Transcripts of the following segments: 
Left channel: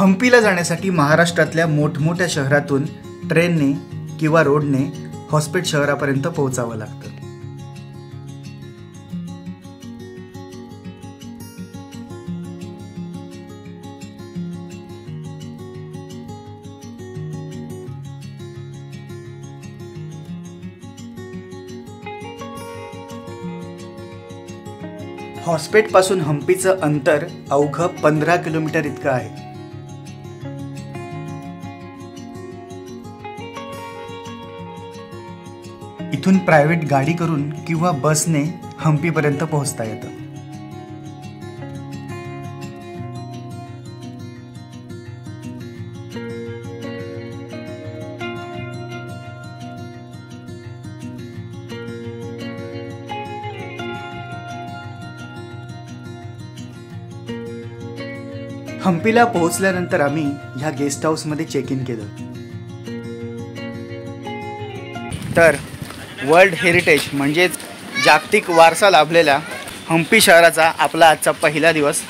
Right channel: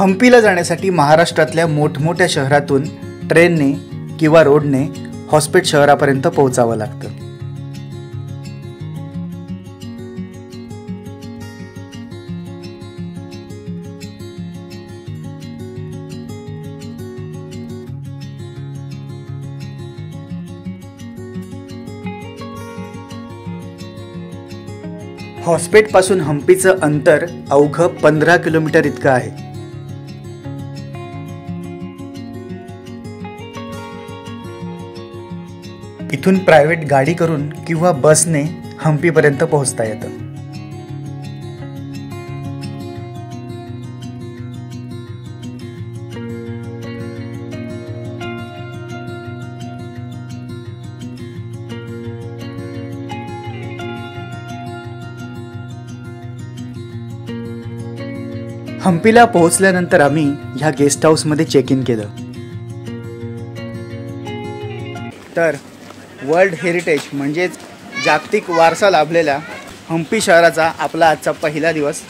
हम्पीला जाण्यासाठी महाराष्ट्रातल्या मोठमोठ्या शहरातून ट्रेनने किंवा रोडने हॉस्पेट शहरापर्यंत पोहोचावं लागतं। हॉस्पेट पासून हम्पीचं अंतर अवघं 15 किलोमीटर इतकं आहे। इथून प्रायव्हेट गाडी करून किंवा बसने हम्पीपर्यंत पोहोचता येतं। हम्पीला पोहोचल्यानंतर आम्ही ह्या गेस्ट हाऊस मध्ये चेक इन केलं। तर वर्ल्ड हेरिटेज म्हणजेच जागतिक वारसा लाभलेल्या हम्पी शहराचा आपला आजचा पहिला दिवस।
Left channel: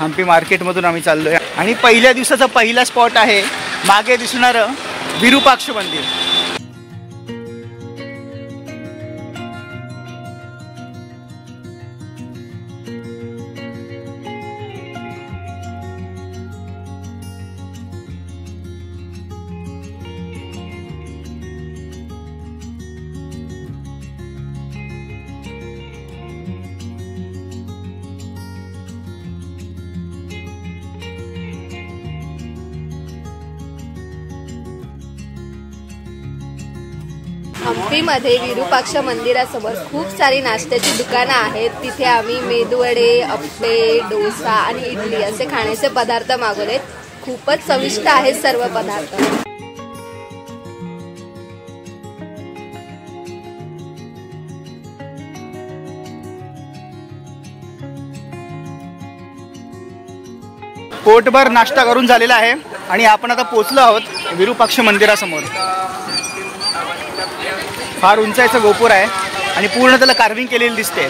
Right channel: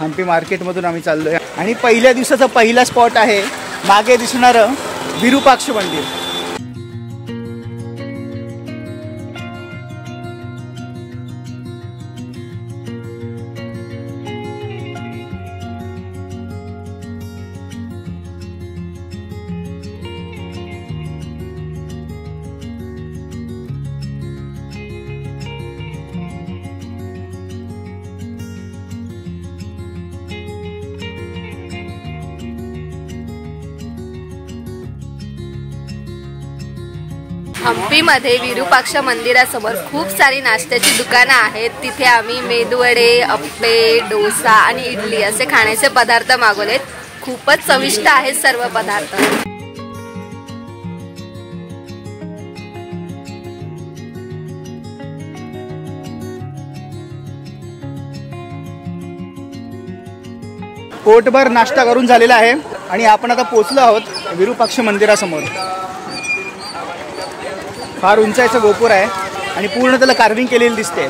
हम्पी मार्केटमधून आम्ही चाललोय आणि पहिल्या दिवसाचा पहिला स्पॉट आहे मागे दिसणारं विरूपाक्ष मंदिर। हम्पीमध्ये विरूपाक्ष मंदिरासमोर खूप सारी नाश्त्याची दुकानं आहेत। तिथे आम्ही मेदूवडे, अप्पे, डोसा आणि इडली असे खाण्याचे पदार्थ मागवलेत। खूपच चविष्ट आहेत सर्व पदार्थ। पोटभर नाश्ता करून झालेला आहे आणि आपण आता पोहोचलो आहोत विरूपाक्ष मंदिरासमोर। फार उंचाईचं गोपुर आहे आणि पूर्ण त्याला कार्विंग केलेली दिसते।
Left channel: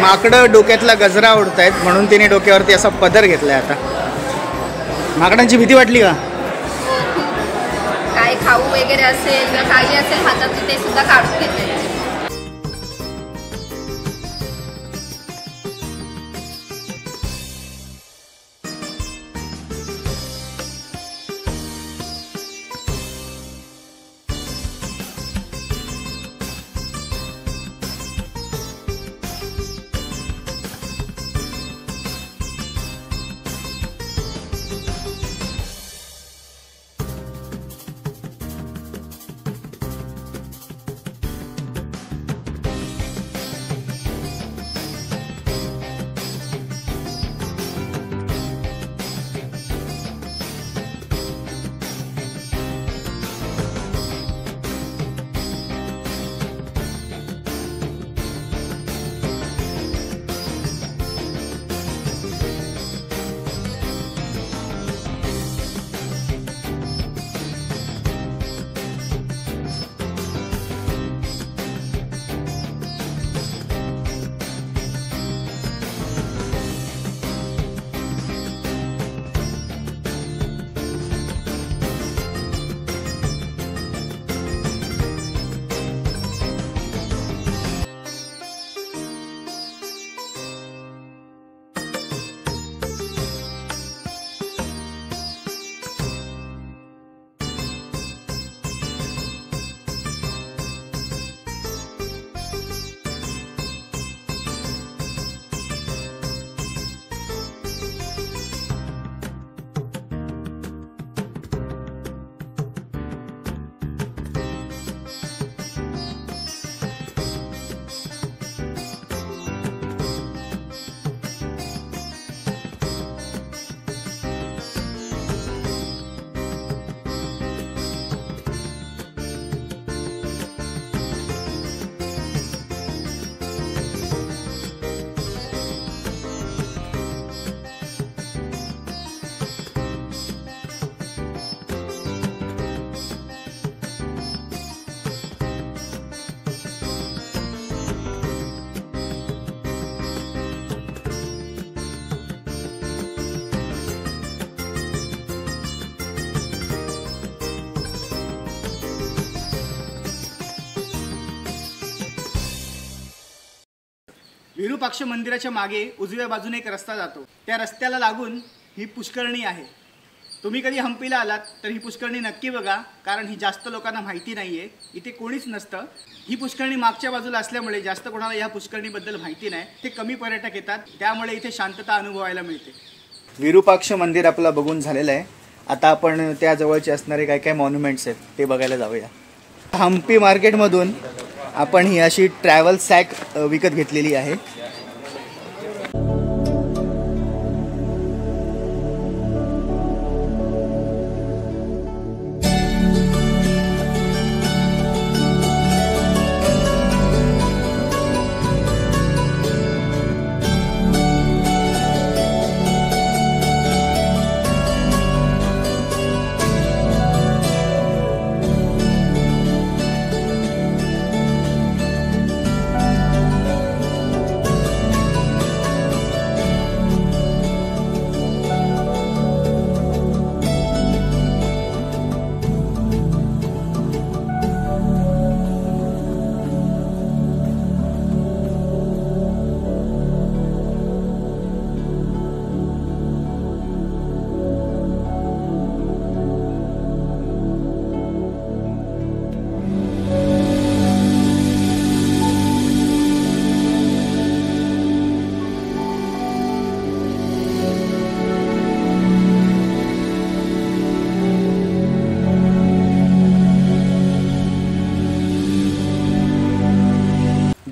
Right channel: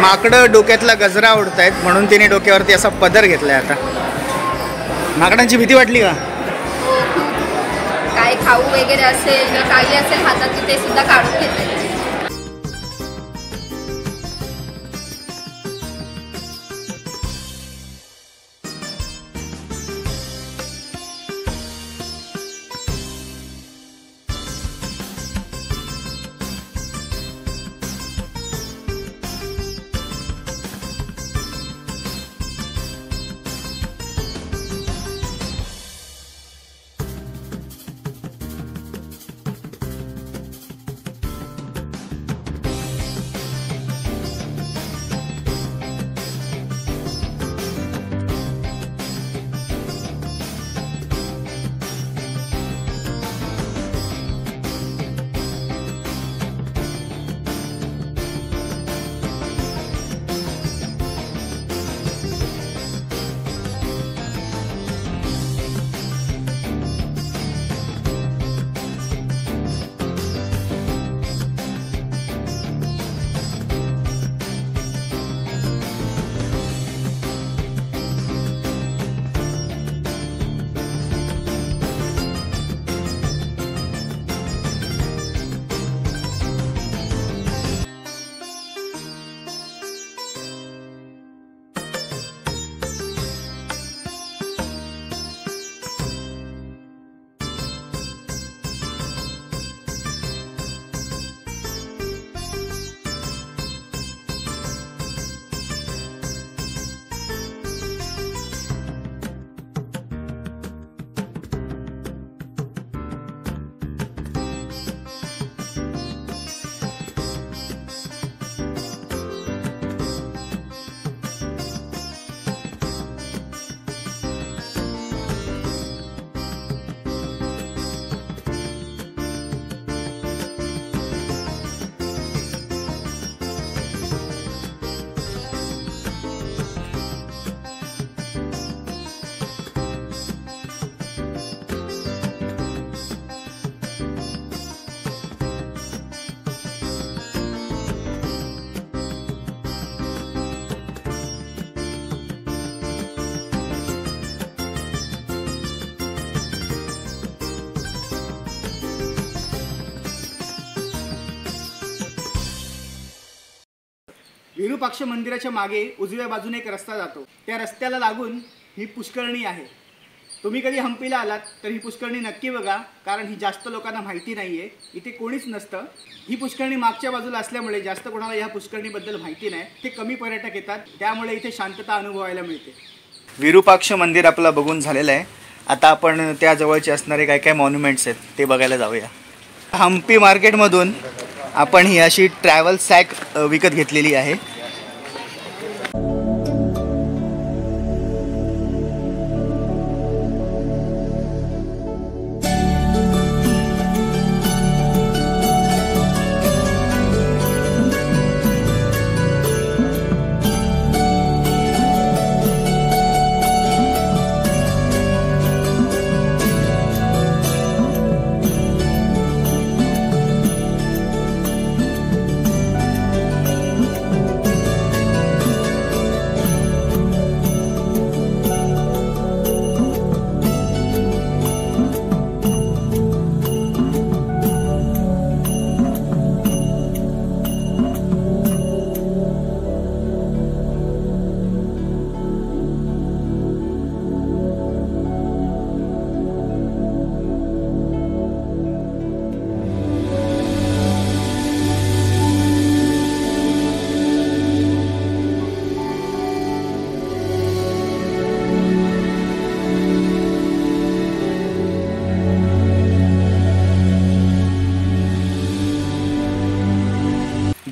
माकडं डोक्यातला गजरा उडतायत म्हणून तिने डोक्यावरती असा पदर घेतलाय। आता माकडांची भीती वाटली का? काय खाऊ वगैरे असेल काही असेल हातात ते सुद्धा काढून घेतले। विरूपाक्ष मंदिराच्या मागे उजव्या बाजूने एक रस्ता जातो. त्या रस्त्याला लागून ही पुष्करणी आहे. तुम्ही कधी हम्पीला आलात तर ही पुष्करणी नक्की बघा, कारण ही जास्त लोकांना माहिती नाहीये. इथे कोणीच नसतं. ही पुष्करणी मागच्या बाजूला असल्यामुळे जास्त कोणाला या पुष्करणीबद्दल माहिती नाही. ते कमी पर्यटक येतात, त्यामुळे इथे शांतता अनुभवायला मिळते. विरूपाक्ष मंदिर आपलं बघून झालेलं आहे. आता आपण त्या जवळचे असणारे काय काय मॉन्युमेंट्स आहेत ते बघायला जाऊया. हम्पी मार्केटमधून आपण ही अशी ट्रॅव्हल सॅक विकत घेतलेली आहे.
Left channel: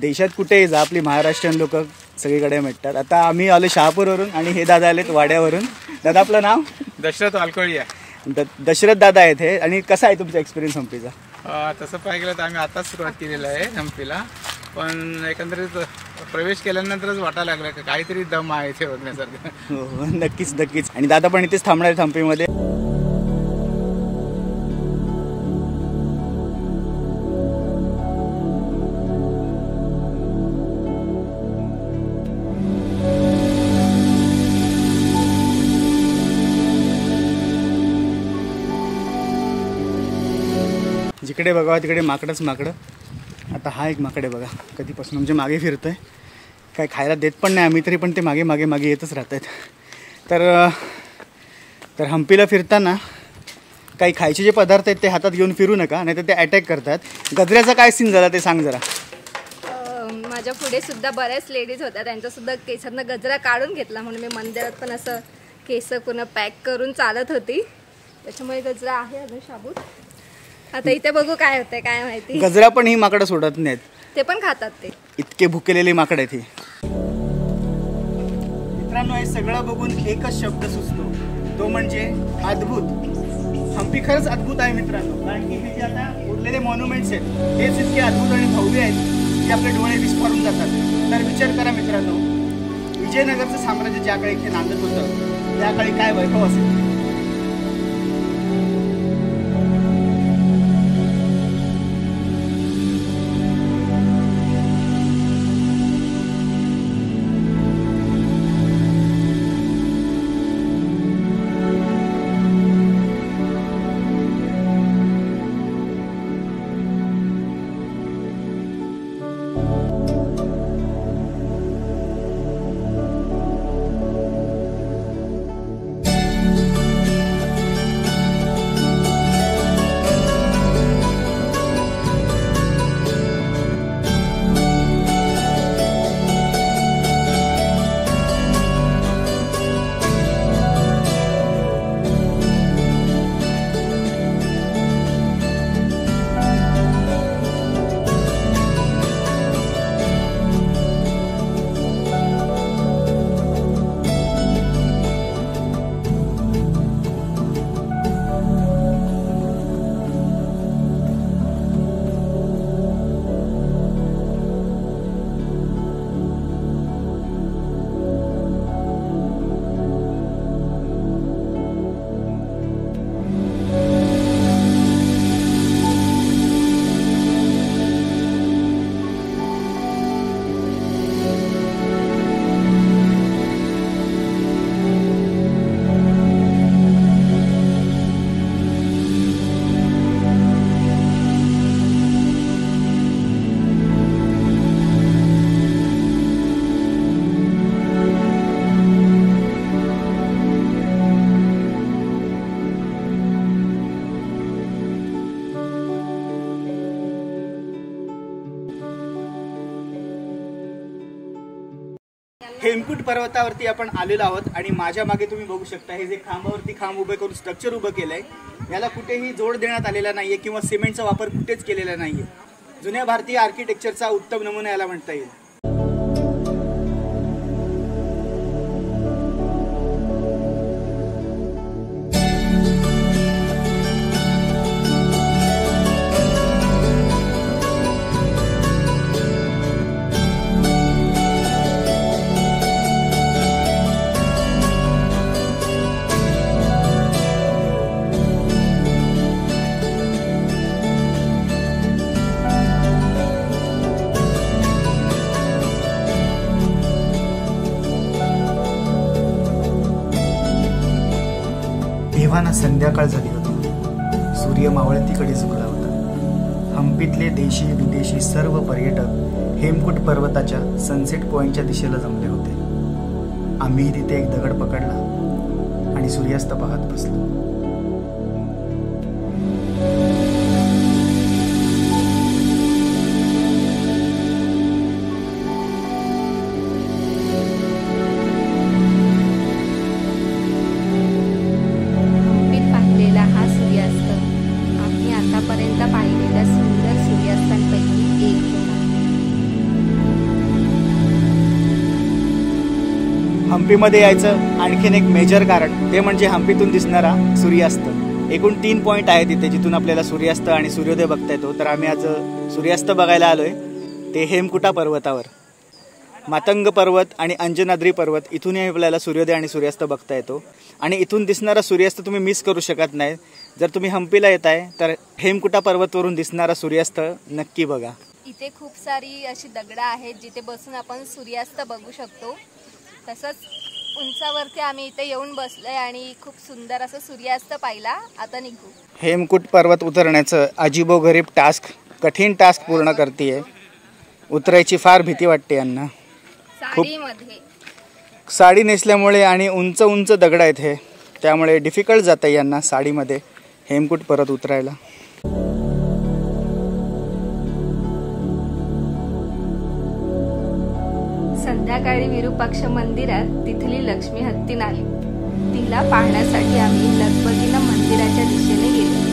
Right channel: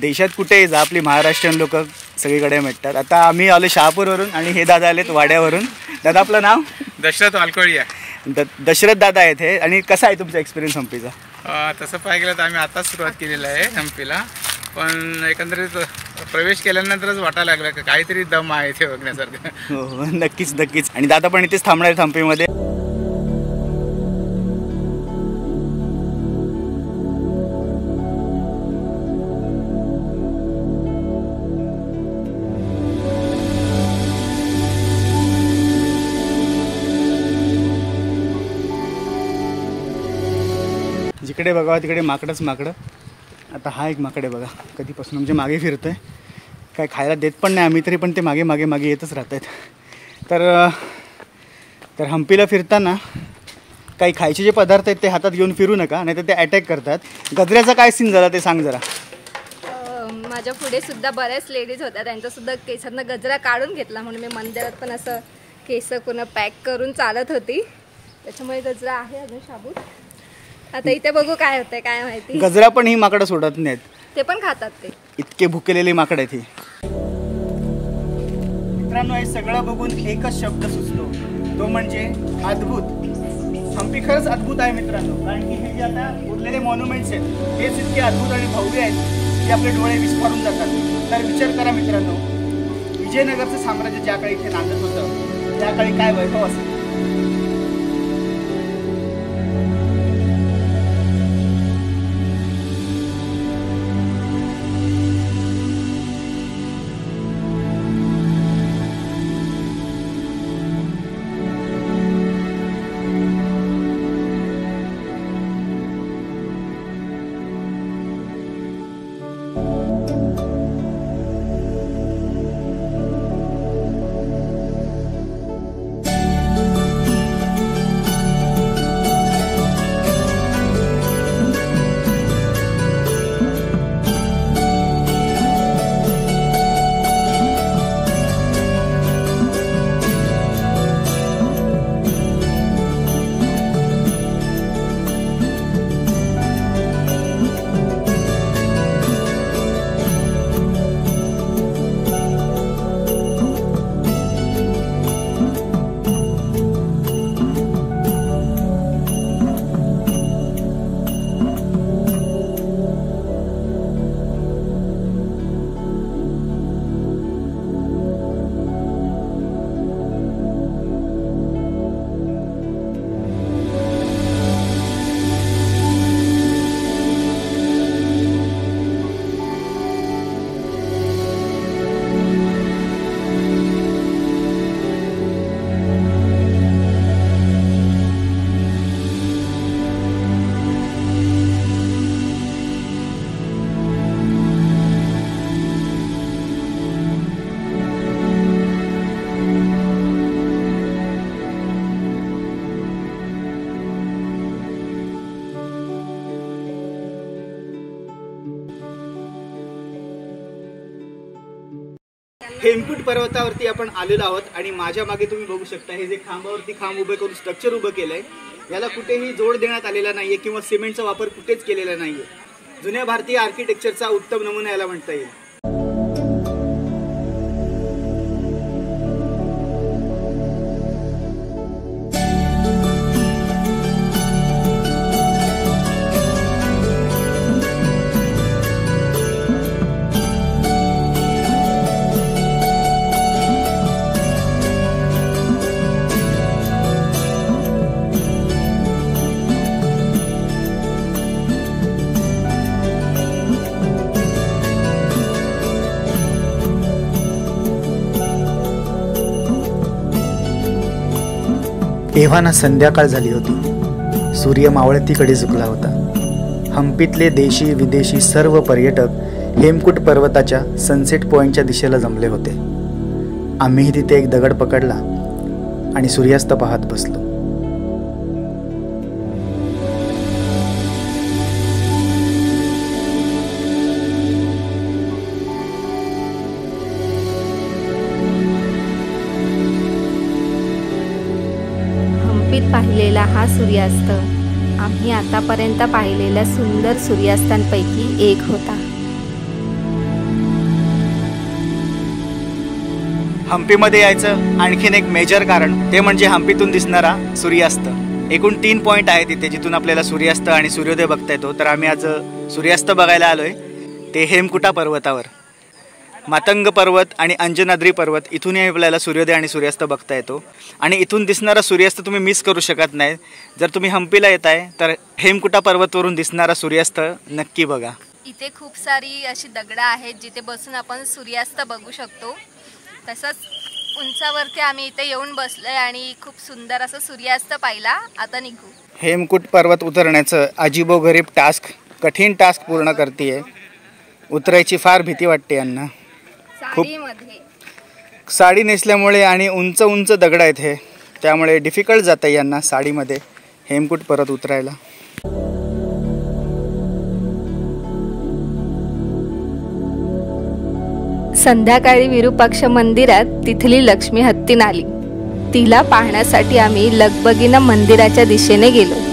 देशात कुठेही जा आपली महाराष्ट्रीयन लोक सगळीकडे भेटतात. आता आम्ही आलो शहापूरवरून आणि हे दादा आलेत वाड्यावरून. दादा आपलं नाव? दशरथ वालकोळी आहे. दशरथ दादा आहेत हे. आणि कसा आहे तुमचा एक्सपिरियन्स हम्पीचा? तसं पाहिलं गेलं तर आम्ही आताच सुरुवात केलेलं आहे हम्पीला, पण एकंदरीत प्रवेश केल्यानंतरच वाटायला लागलं की काहीतरी दम आहे इथे बघण्यासारखं. हो नक्कीच नक्कीच. आणि दादा पण इथेच थांबणार आहेत हम्पीमध्ये. जिकडे बघा तिकडे माकडंच माकडं. आता हा एक माकड आहे बघा, कधीपासून आमच्या मागे फिरतोय. काय खायला देत पण नाही आम्ही, तरी पण ते मागे मागे मागे येतच राहत आहेत. तर हम्पीला फिरताना काही खायचे जे पदार्थ आहेत ते हातात घेऊन फिरू नका, नाही तर ते अटॅक करतात. गजऱ्याचा काय सीन झाला ते सांग जरा. माझ्या पुढे सुद्धा बऱ्याच लेडीज होत्या, त्यांचा सुद्धा केसांना गजरा काढून घेतला. म्हणून मी मंदिरात पण असं केस पूर्ण पॅक करून चालत होती, त्याच्यामुळे गजरा आहे अजून शाबूत. आता इथे बघू काय होतंय काय माहिती. गजरा पण ही माकडं सोडत नाहीत, ते पण खातात. ते इतके भुकेलेले माकड आहेत ही. मित्रांनो, हे सगळं बघून एकच शब्द सुचतो, तो म्हणजे अद्भुत. हम्पी खरंच अद्भुत आहे मित्रांनो, कारण की हे जे आता उरलेले मॉन्युमेंट्स आहेत हेच इतके अद्भुत आणि भव्य आहेत की आपले डोळे विस्फारून जातात. तर विचार करा मित्रांनो, विजयनगरचं साम्राज्य ज्या काळी इथे नांदत होतं त्या काळी काय वैभव असेल. हेमकुट पर्वतावरती आपण आलेलो आहोत आणि माझ्या मागे तुम्ही बघू शकता हे जे खांबावरती खांब उभे करून स्ट्रक्चर उभं केलंय याला कुठेही जोड देण्यात आलेला नाहीये किंवा सिमेंटचा वापर कुठेच केलेला नाहीये. जुन्या भारतीय आर्किटेक्चरचा उत्तम नमुना याला म्हणता येईल. तेव्हा ना संध्याकाळ झाली होती. सूर्य मावळतीकडे झुकला होता. हम्पीतले देशी विदेशी सर्व पर्यटक हेमकुट पर्वताच्या सनसेट पॉइंटच्या दिशेला जमले होते. आम्हीही तिथे एक दगड पकडला आणि सूर्यास्त पाहत बसलो. पाहिलेला हा सूर्यास्त आम्ही आतापर्यंत पाहिलेल्या सुंदर सूर्यास्तांपैकी एक होता. हम्पीमध्ये यायचं आणखीन एक मेजर कारण ते म्हणजे हम्पीतून दिसणारा सूर्यास्त. एकूण 3 पॉईंट आहेत तिथे जिथून आपल्याला सूर्यास्त आणि सूर्योदय बघता येतो. तर आम्ही आज सूर्यास्त बघायला आलोय ते हेमकुटा पर्वतावर. मातंग पर्वत आणि अंजनाद्री पर्वत इथूनही आपल्याला सूर्योदय आणि सूर्यास्त बघता येतो आणि इथून दिसणारा सूर्यास्त तुम्ही मिस करू शकत नाही. जर तुम्ही हम्पीला येताय तर हेमकुटा पर्वतवरून दिसणारा सूर्यास्त नक्की बघा. इथे खूप सारी अशी दगडं आहेत जिथे बसून आपण सूर्यास्त बघू शकतो. तसंच उंचावरती आम्ही इथे येऊन बसलोय आणि खूप सुंदर असं सूर्यास्त पाहिला. आता निघू. हेमकुट पर्वत उतरण्याचं अजीबोगरीब टास्क, कठीण टास्क पूर्ण करतेय. उतरायची फार भीती वाटते यांना. साडी नेसल्यामुळे आणि उंच उंच दगड आहेत हे, त्यामुळे डिफिकल्ट जात आहे यांना साडीमध्ये हेमकुट पर्वत उतरायला. संध्याकाळी विरूपाक्ष मंदिरात तिथली लक्ष्मी हत्तीन आली. तिला पाहण्यासाठी आम्ही लगबगीनं मंदिराच्या दिशेने गेलो.